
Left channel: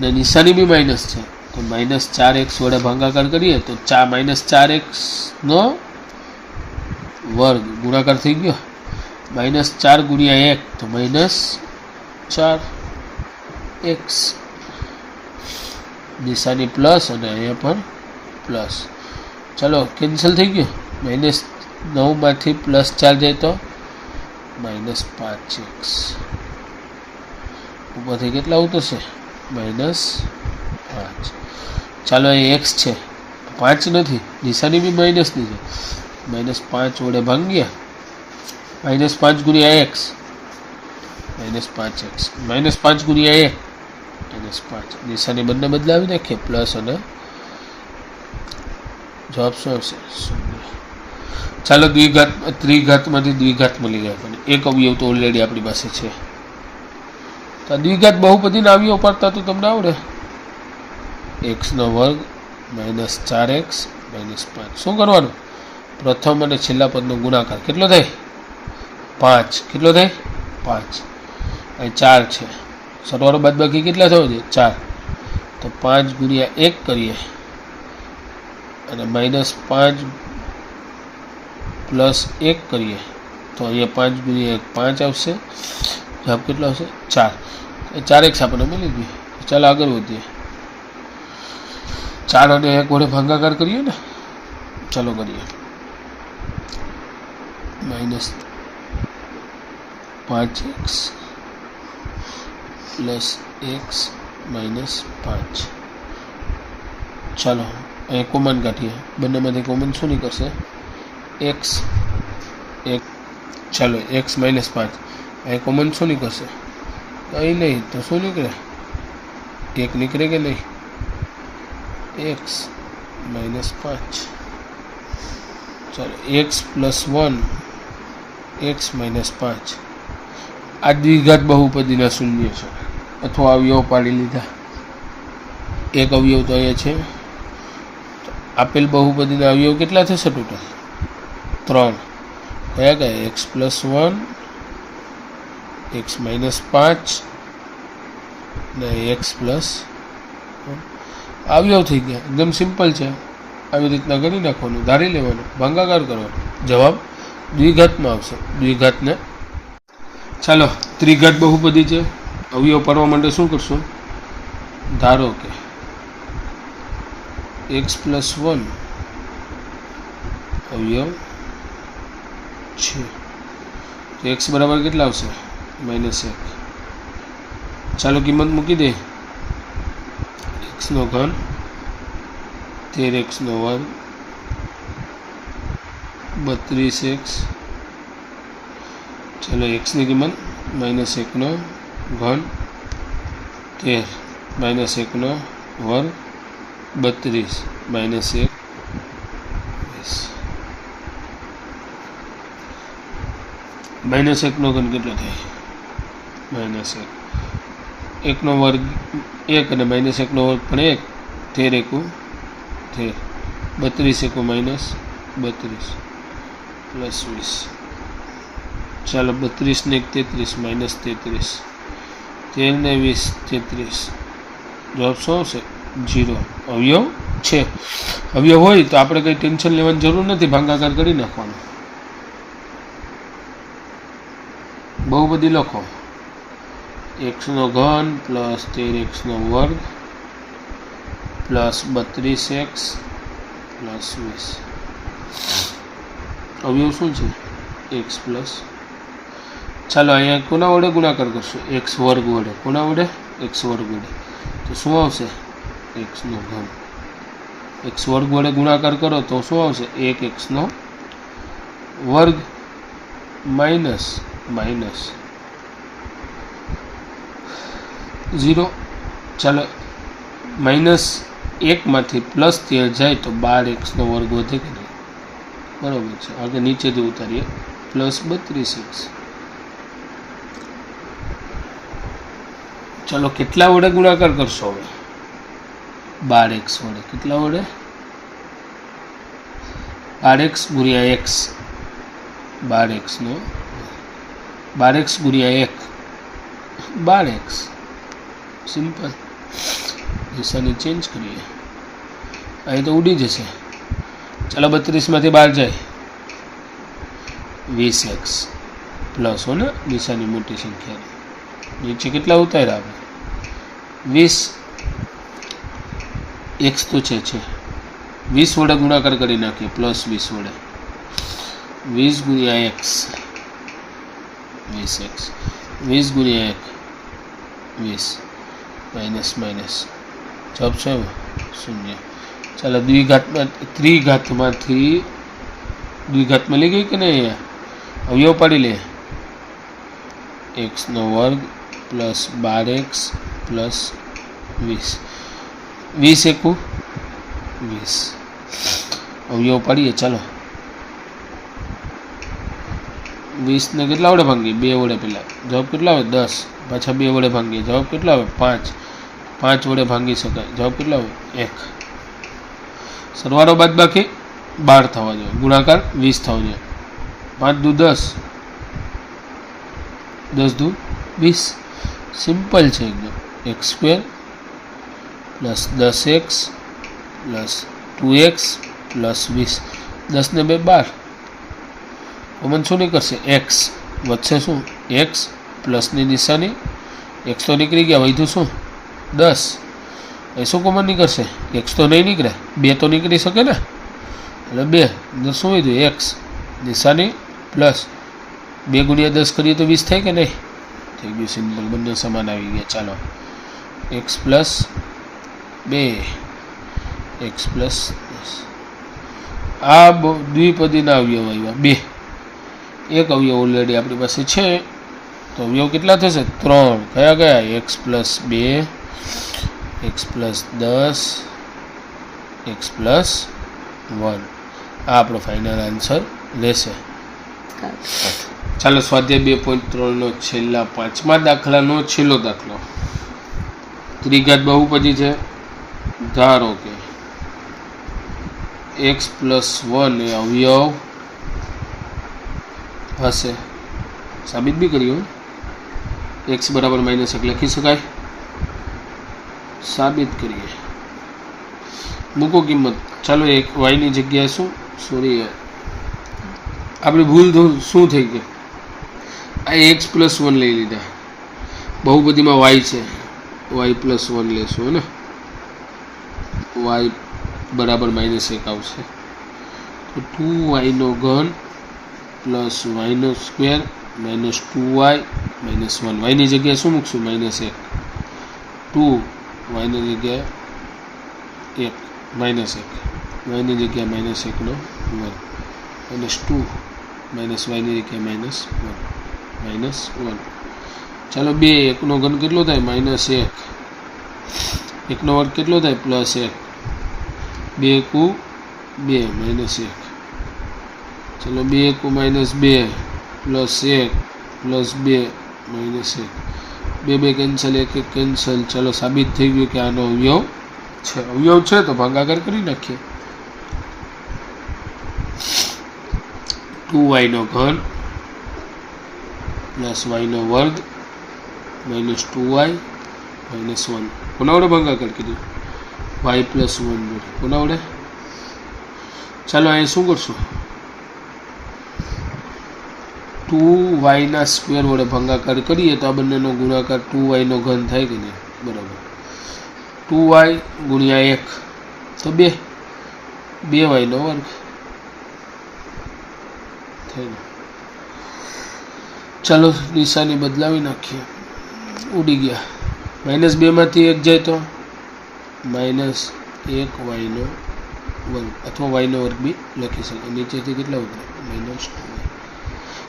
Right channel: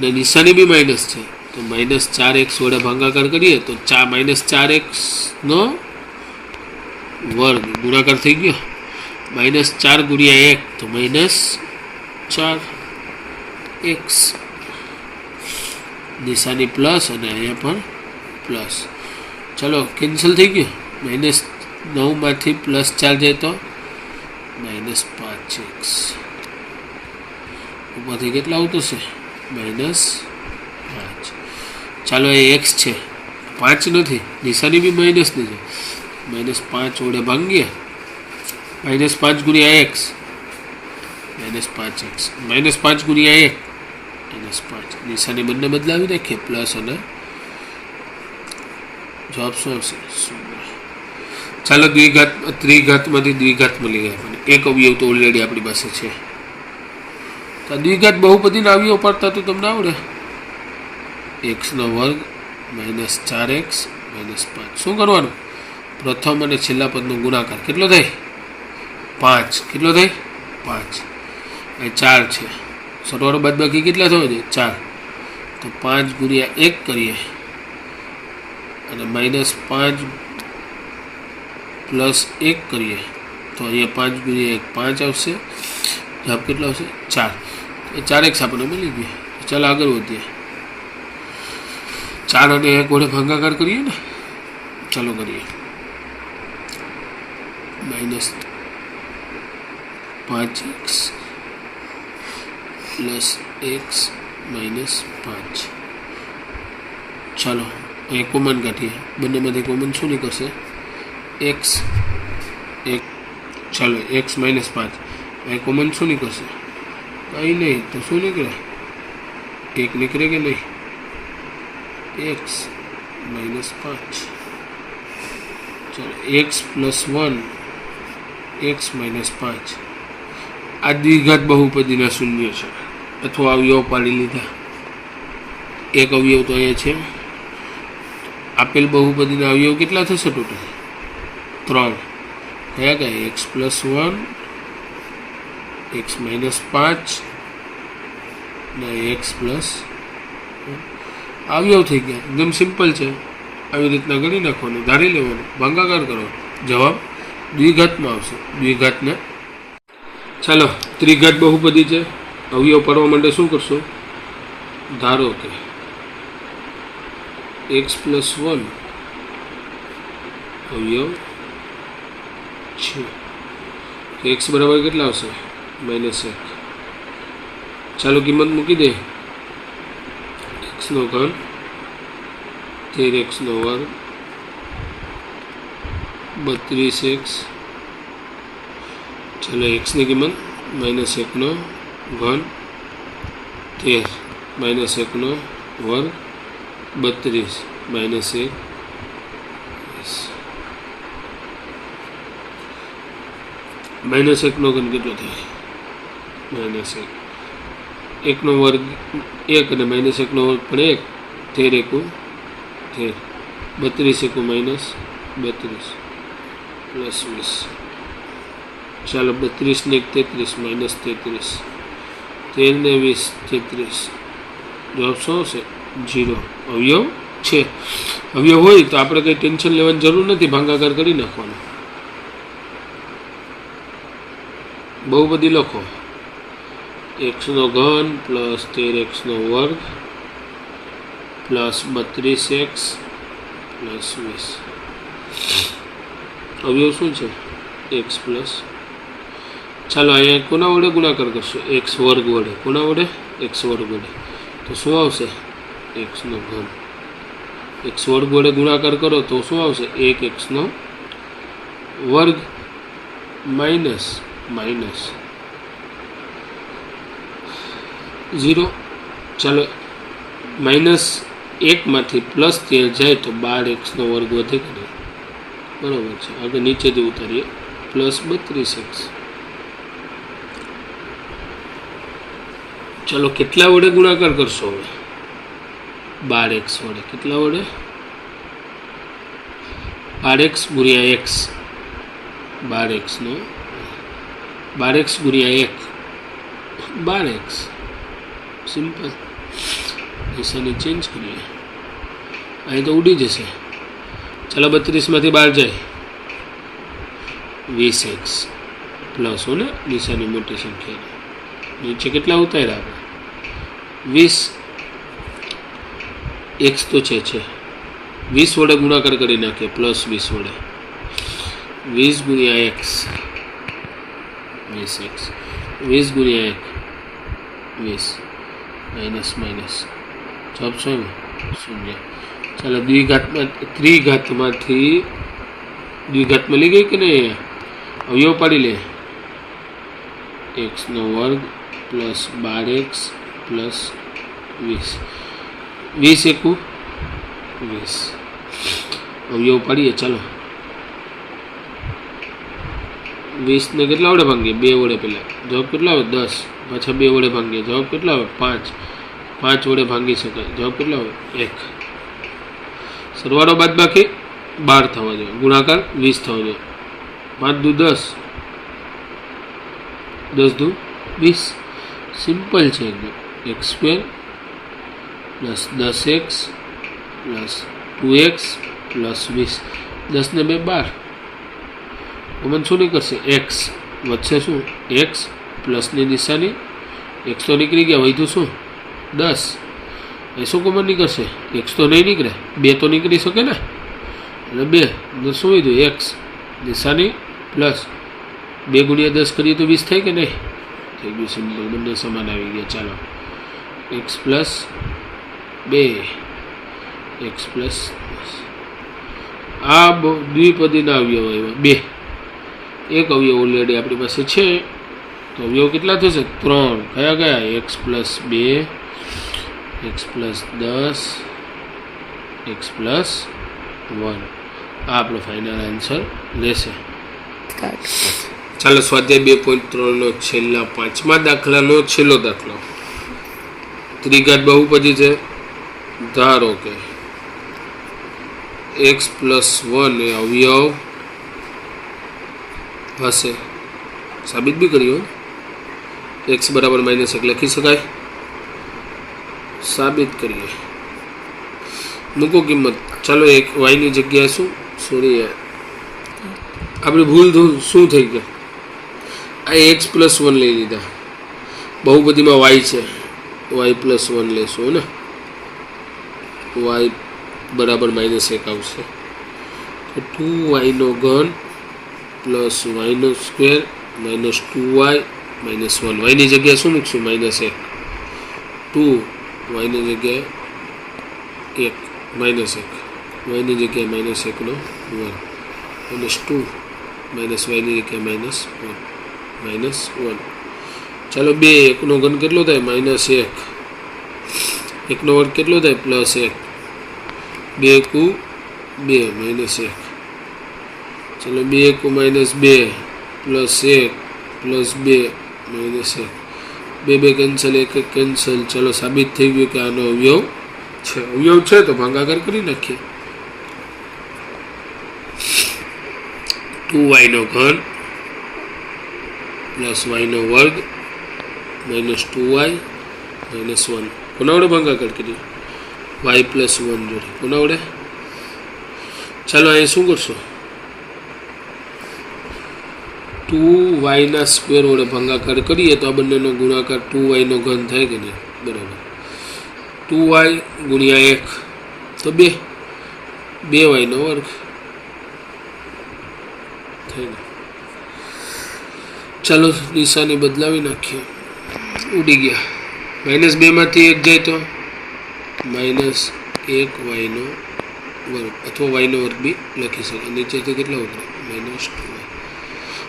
ને નિશાની બી માઇનસ છે, તો -4x વડે ભાગાકાર કરીએ તો -4x નો વર્ગ ગુણાકાર થઈ ગયો. -4 ગુણ્યા 1 તો -4x. નિશાની પ્લસ અને અહીંયા પણ પ્લસ. ચાલો કેન્સલ થઈ ગયું. -9માંથી +4 જાય તો -5x. ઉપરથી કેટલા ઉતરશે? -5. ચાલો એ x છે, 5 નથી, નિશાની બી માઇનસ નથી, -5 વડે ભાંગ્યા. -5 ગુણ્યા x -5x. -5 ગુણ્યા 1 -5. નિશાની બંને બદલાવી નાખીએ, પ્લસ અને જવાબ શું આવશે? 0. ચાલો ત્રિઘાતમાંથી દ્વિઘાત મળી ગયા આપણને. એક અવયવ તો ઓલરેડી આપણી પાસે છે. તો દ્વિઘાત બહુપદીના અવયવ પડતા તો તમને આવડે. x નો વર્ગ -4x -5. શું કરવાનું? પ્રથમ અને છેલ્લા પદનો ગુણાકાર કેટલો થાય? 5. કેટલો થાય? 5. અહીં 4 છે, સરવાળો બાદબાકી કેટલા થયો છે? 4. તો 5 ગુણ્યા 1 કરીએ અને -5 પ્લસ 1 કરીએ તો અહીંયા 5 ગુણ્યા 1 5 આવશે. જવાબ કેટલો આવશે? 4. 4x આપણને મળી ગયું. ચાલો આગળ વધીએ. 4 અને 1 વડે ભાગાકાર કરીએ ને. ચાલો કરીએ. -5x plus x -5. ચાલો અહીં કોમન કાઢીએ. બંનેમાંથી કોમન શું નીકળશે? x. ચાલો x -5. અહીં કોમન શું નીકળશે? અહીં નહીં તો શું નીકળે? 1 નીકળે કે નહીં? x -5. ચાલો x + 1 x -5. આ દ્વિઘાત બહુપદીના શૂન્ય છે અથવા અવયવ પાડી લીધા. એક અવયવ તો અહીંયા છે. આપેલ બહુપદીના અવયવ કેટલા થશે ટોટલ? 3. કયા કયા? x + 1 x -5 ને x + અવયવ થઈ ગયા. એકદમ સિમ્પલ છે. આવી રીતના ગણી નાખવાનું, ધારી લેવાનું, ભાગાકાર કરવાનો, જવાબ દ્વિઘાતમાં આવશે. દ્વિઘાતને ચાલો ત્રિઘાત બહુપદી છે. અવયવ પાડવા માટે શું કરશો? ધારો કે x + 1 અવયવ છે તો x બરાબર કેટલા આવશે? -1. ચાલો કિંમત મૂકી દે. x નો ઘન 13x નો વર્ગ 32x. ચાલો x ની કિંમત -1 નો ઘન 13 -1 નો વર્ગ 32 -1 -1 નો ઘન કેટલો થાય? -1. 1 નો વર્ગ 1 અને -1 નો વર્ગ પણ 1. 13 એકુ 13. 32 એકુ -32 પ્લસ 20. ચાલો 32 ને 1 33 -33. 13 ને 20 33. જવાબ શું આવશે? 0. અવયવ છે. અવયવ હોય તો આપણે કંઈ ટેન્શન લેવાની જરૂર નથી, ભાગાકાર કરી નાખવાનો. બહુપદી લખો. x નો ઘન પ્લસ 13x નો વર્ગ પ્લસ 32x પ્લસ 20. અવયવ શું છે? x પ્લસ ચાલો અહીંયા કોના વડે ગુણાકાર કરશો? એક્સ વર્ગ વડે. કોના વડે? એક્સ વર્ગ વડે. તો શું આવશે? એક્સનો ઘન. એક્સ વર્ગ વડે ગુણાકાર કરો તો શું આવશે? એક એક્સનો વર્ગ માઇનસ માઇનસ 0. ચાલો -1માંથી +13 જાય તો 12x નો વર્ગ વધે કે નહીં? બરાબર છે. આગળ નીચેથી ઉતારીએ +32x. ચાલો કેટલા વડે ગુણાકાર કરશો હવે? 12x વડે. કેટલા વડે? 12x ગુણ્યા x. 12x નો 12x ગુણ્યા 1 12x. સિમ્પલ. નિશાની ચેન્જ કરીએ. અહીં તો ઉડી જશે. ચાલો 32માંથી 12 જાય 20x પ્લસ હો ને નિશાની મોટી સંખ્યા. નીચે કેટલા ઉતાર્યા આપણે? 20 x તો છે 20 વડે ગુણાકાર કરી નાખીએ +20 વડે. 20 ગુણ્યા x 20x 20 ગુણ્યા 1 20 માઇનસ માઇનસ જવાબ શું આવ્યો? 0. ચાલો ત્રિઘાતમાંથી દ્વિઘાતમાં લઈ ગઈ કે નહીં? અવયવ પાડી લે. એક્સનો વર્ગ પ્લસ 12x પ્લસ 20 20 એકુ 20. અવયવ પાડીએ. ચાલો 20 ને કેટલા વડે ભાંગીએ? 2 વડે. પહેલાં જવાબ કેટલા આવે? 10. પાછા 2 વડે ભાંગીએ. જવાબ કેટલા આવે? 5. 5 વડે ભાંગી શકાય. જવાબ કેટલા આવે? 1. સરવાળો બાદબાકી 12 થવા જોઈએ. ગુણાકાર 20 થવા જોઈએ. 5 દુ 10 10 દુ 20. સિમ્પલ છે એકદમ. x² plus 10x plus 2x plus 20. 10 ને 2 12. કોમન શું નીકળશે? x વધશે. શું? x પ્લસની નિશાની. x તો નીકળી ગયા. વધ્યું શું? 10. એ શું કોમન નીકળશે? x તો નહીં નીકળે. 2 તો નીકળી શકે ને. એટલે 2 શું વધ્યું? x નિશાની પ્લસ 2 ગુણ્યા 10 કરીએ તો 20 થાય કે નહીં? થઈ ગયું. સિમ્પલ. બંને સમાન આવી ગયા. ચાલો x પ્લસ 2 x પ્લસ 10. આ દ્વિપદીના અવયવ આવ્યા 2. એક અવયવ ઓલરેડી આપણી પાસે છે. તો અવયવ કેટલા થશે? 3. કયા કયા? x plus 2 x plus 10 x plus 1. આ આપણો ફાઇનલ આન્સર રહેશે. ચાલો સ્વાધ્યાય 2.3 છેલ્લા 5મા દાખલાનો છેલ્લો દાખલો. ત્રિઘાત બહુપદી છે. ધારો કે x પ્લસ 1 એ અવયવ હશે. સાબિત બી કર્યું. x બરાબર -1 લખી શકાય. સાબિત કરીએ. મૂકો કિંમત. ચાલો એક વાયની જગ્યાએ સોરી આપણી ભૂલ શું થઈ ગઈ? આ x પ્લસ 1 લઈ લીધા. બહુપદીમાં y છે. y પ્લસ 1 લેશું ને. y બરાબર -1 આવશે. તો 2y નો ઘન પ્લસ y નો સ્ક્વેર માઇનસ 2y માઇનસ 1. વાયની જગ્યાએ શું મૂકશું? -1. 2 વાયની જગ્યાએ 1 -1. વાયની જગ્યાએ -1 નો વર્ગ માઇનસ 2 માઇનસ વાયની જગ્યાએ -1. ચાલો 2 1 નો ઘન કેટલો થાય? -1. 1 નો વર્ગ કેટલો થાય? +1. 2 એકુ 2 -1. ચલો 2 એકુ -2 પ્લસ 1 પ્લસ 2 -1. 2 2 cancel 1 1 cancel. ચલો સાબિત થઈ ગયું કે આનો અવયવ છે. અવયવ છે તો ભાગાકાર કરી નાખીએ. 2y નો ઘન પ્લસ y નો વર્ગ માઇનસ 2y માઇનસ 1. કોના વડે ભાગાકાર કરીએ? y પ્લસ 1 જોડે. કોના વડે? ચાલો અહીં શું કરશો? 2y ના સ્ક્વેર વડે ભાગાકાર કરીએ તો આ બંનેનો ગુણાકાર 2y નો ઘન થાય કે નહીં? બરાબર. 2y ગુણ્યા 1 તો 2 2y નો વર્ગ. ચાલો નિશાની બદલાવી નાખીએ. ઉડી ગયા. -2 માંથી 1 જાય તો -1 y² અથવા y² બી લખી શકાય. નીચેથી કેટલા ઉતરે? -2y.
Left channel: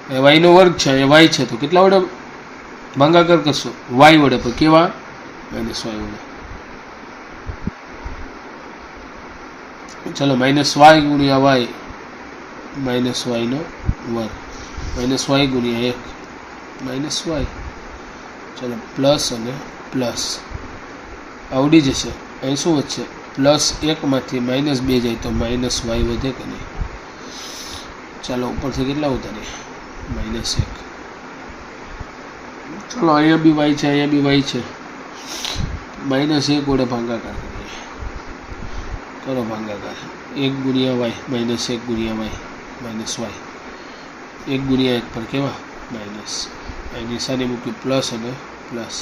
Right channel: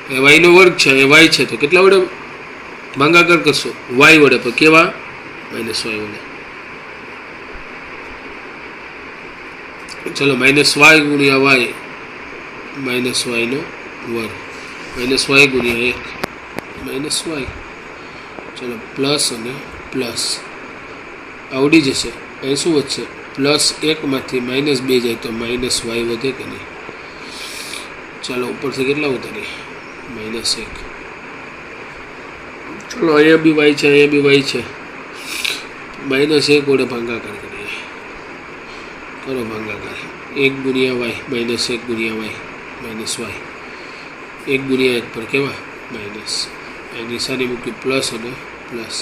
y² છે, એ y છે, તો કેટલા વડે ભાગાકાર કરશો? y વડે. પણ કેવા? -y વડે. ચલો -y ગુણ્યા y, -y² -y ગુણ્યા 1 -y. ચલો પ્લસ અને પ્લસ આવડી જશે. અહીં શું વધશે? +1 માંથી -2 જાય તો -y વધે કે નહીં? ચાલો ઉપરથી કેટલા ઉતારીએ? -1. ચલો અહીંયા બી y છે, અહીંયા બી y છે. -1 વડે ભાગાકાર કરીએ. કરો ભાગાકાર. 1 ગુણ્યા y, -1 ગુણ્યા y, -y. 1 ગુણ્યા 1 પર કેવા? માઇનસ. અહીં નિશાની મૂકી પ્લસ અને પ્લસ.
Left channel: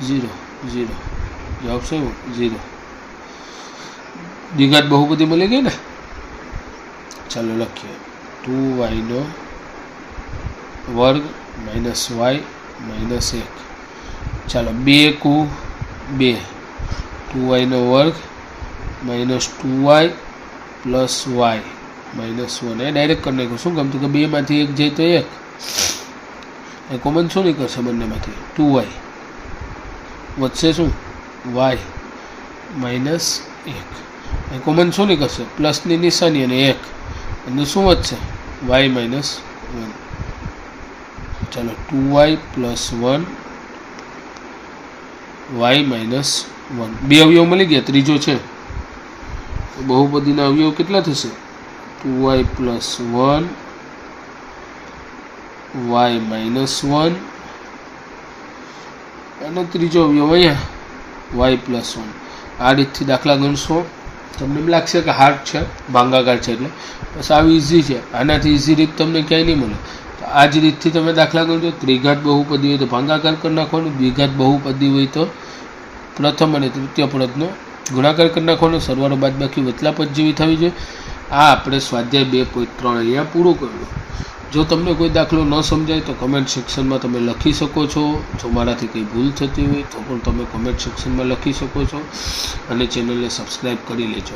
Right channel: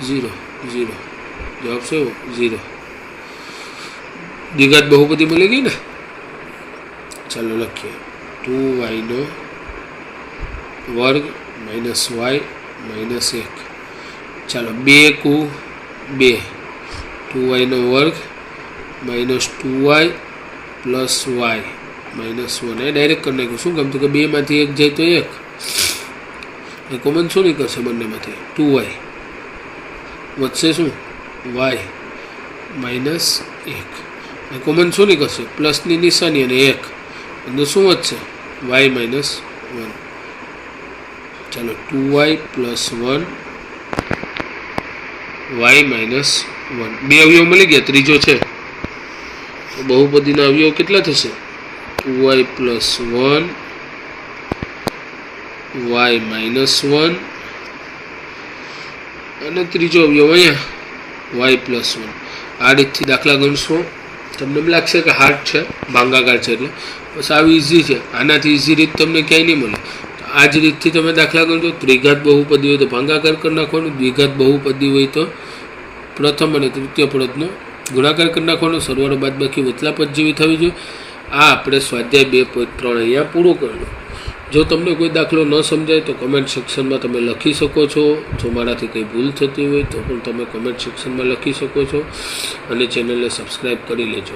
0 0. જવાબ શું એવો? 0. દ્વિઘાત બહુપદી મળી ગઈ ને. ચાલો લખીએ. 2y² -y -1. ચાલો 2 કુ 2, 2y² -2y + y -1. એ ડાયરેક્ટ કરી નાખ્યું. શું ગમતું કે 2 માંથી 1 જાય તો 1. એ કોમન શું નહીં કરશે? બંનેમાંથી 2y વધશે. શું? y -1. એ કોમન શું નહીં કરશે? પ્લસની નિશાની અને 1, અને શું વધશે? y -1. ચાલો 2y + 1 y -1. 2 અવયવ મળી ગયા. ત્રીજો છે. બહુપદીના અવયવ કેટલા થશે? 2y + 1 y -1, અને ત્રીજો અવયવ અહીંયા y + 1. આ રીતથી દાખલા ગણશો. તમને એમ લાગશે કે હાર્ડ છે, ભાગાકાર છે, એટલે બસ આવી ઇઝી છે. આનાથી ઇઝી રીત તમને ક્યાંય નહીં મળે. તો આ જ રીતથી તમે દાખલા ગણજો. ત્રિઘાત બહુપદી હોય તો ભાગાકાર કરી નાખવાનું. દ્વિઘાત બહુપદી હોય તો પ્રથમ અને તૃતીય પદનો ગુણાકાર કરી નાખવાનો. સરવાળો બાદબાકી વચલા પદ જેવી થવી જોઈએ. આ આપણે સ્વાધ્યાય 2.3 અહીંયા પૂરું કર્યું. જો તમને કોઈ દાખલો ન સમજાય તો કમેન્ટ સેક્શનમાં તમે લખી શકો છો. જો મારાથી કંઈ ભૂલ થતી હોય તો પણ તમે કમેન્ટ સેક્શનમાં લખી શકો છો. અને ચેનલને સબસ્ક્રાઈબ કરી લેજો.